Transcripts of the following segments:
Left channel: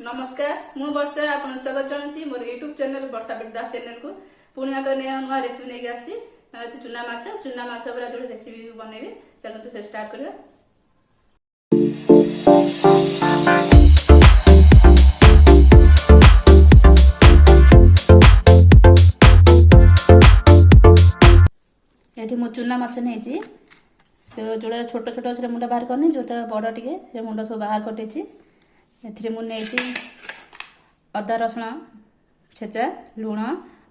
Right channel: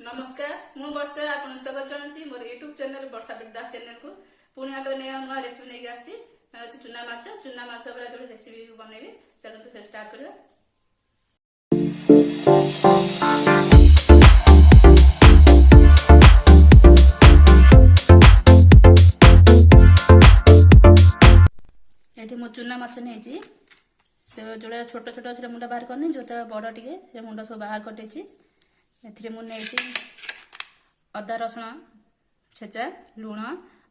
नमस्कार मु वर्षा आपन स्वागत जनाची मोर यूट्यूब चैनल वर्षा बिरदास चैनल को पुणी आक नुआ रेसिपी नहीं आसी चुना माछ पूरा जो रेसिपी बनैबे चलते से स्टार्ट करिया। ये चुना माछ नहीं से जोड़ा छोट छोट से मुंडा बाहर करनी जोटा बड़ टे से मुंड सब बाहर करदे मुझे अदा रसुण छेचा लुण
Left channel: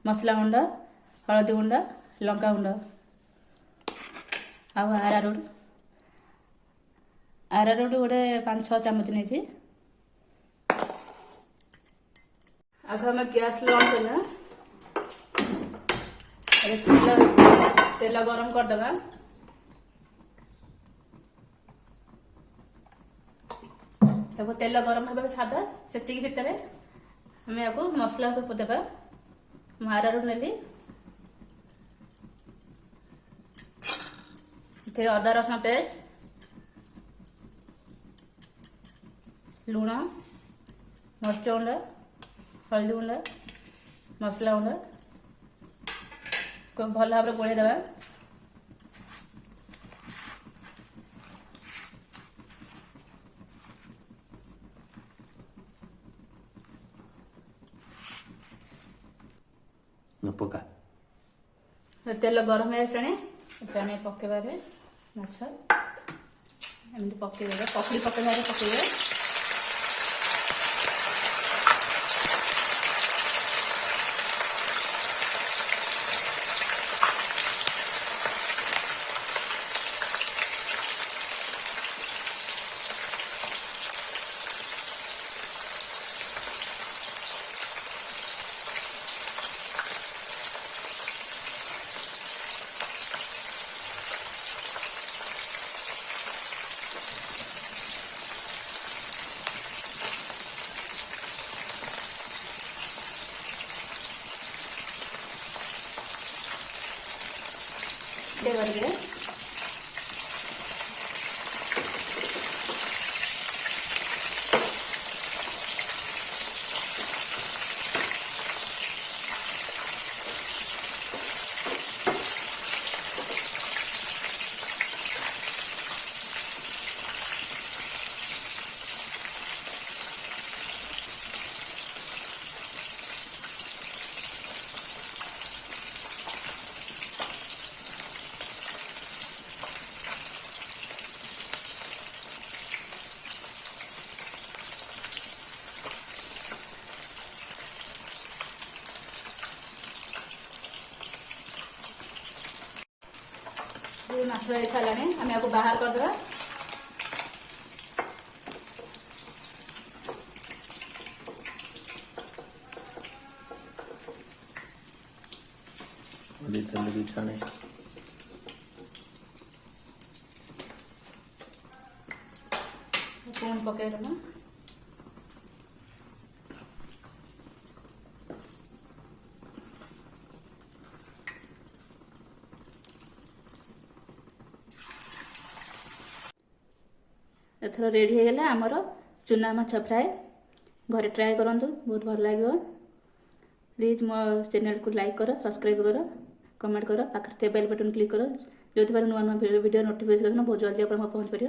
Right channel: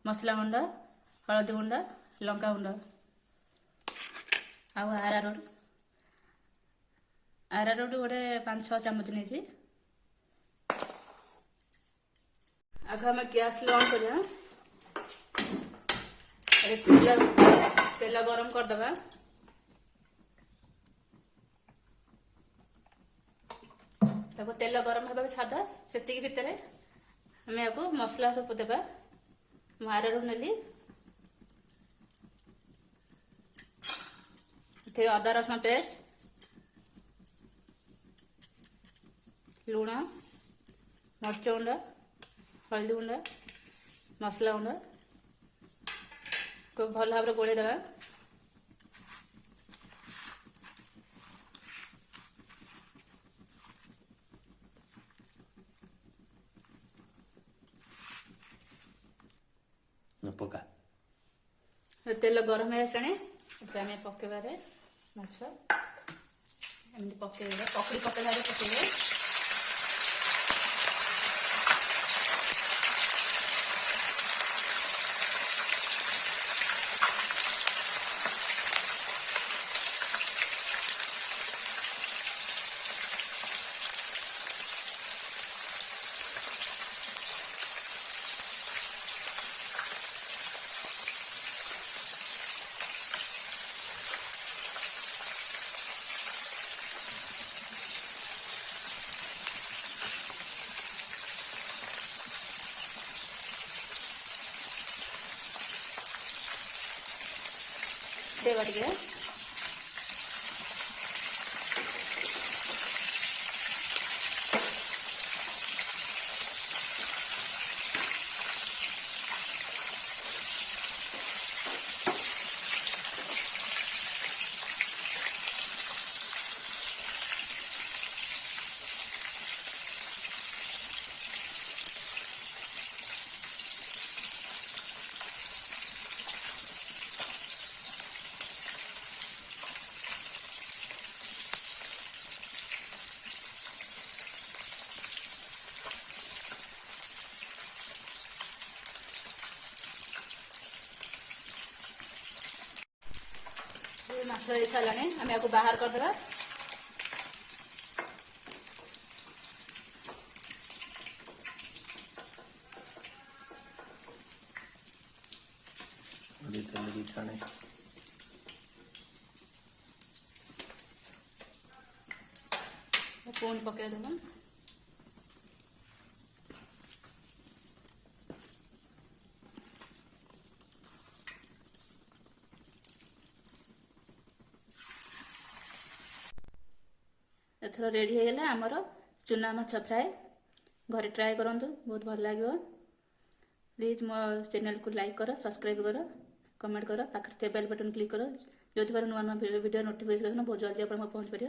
मसला गुंड हलदी गुंड लंका गुंड आरारोट गोटे 5-6 चामच नहीं आगे आम गैस ऑन करना तेल गरम करदे तब तेल गरम होगा छादा से भितर आम या मसला सब देवा आरारोट नेली अदा रसुण पेस्ट लुण मरच गुंड हल्दी गुंड मसला गुंड को भल भाव गोड़े देवा। पका तेल गरम है पकेबा माछ एमती पकईदेगा पकड़ी पकईदेगा देवरिगे माछ सारा आम या बाहर करदे छाने पकईदेमा एथर रेडी हो गला आमर चुना माछ फ्राए घरे ट्राए करूँ बहुत भल लगे। प्लीज मो चैनल को लाइक कर सब्सक्राइब कर कमेंट कर पाखे बेल बटन क्लिक कर जो नुआ नुआ वीडियो नोटिफिकेशन बहुत जल्दी आप पहुँच पार।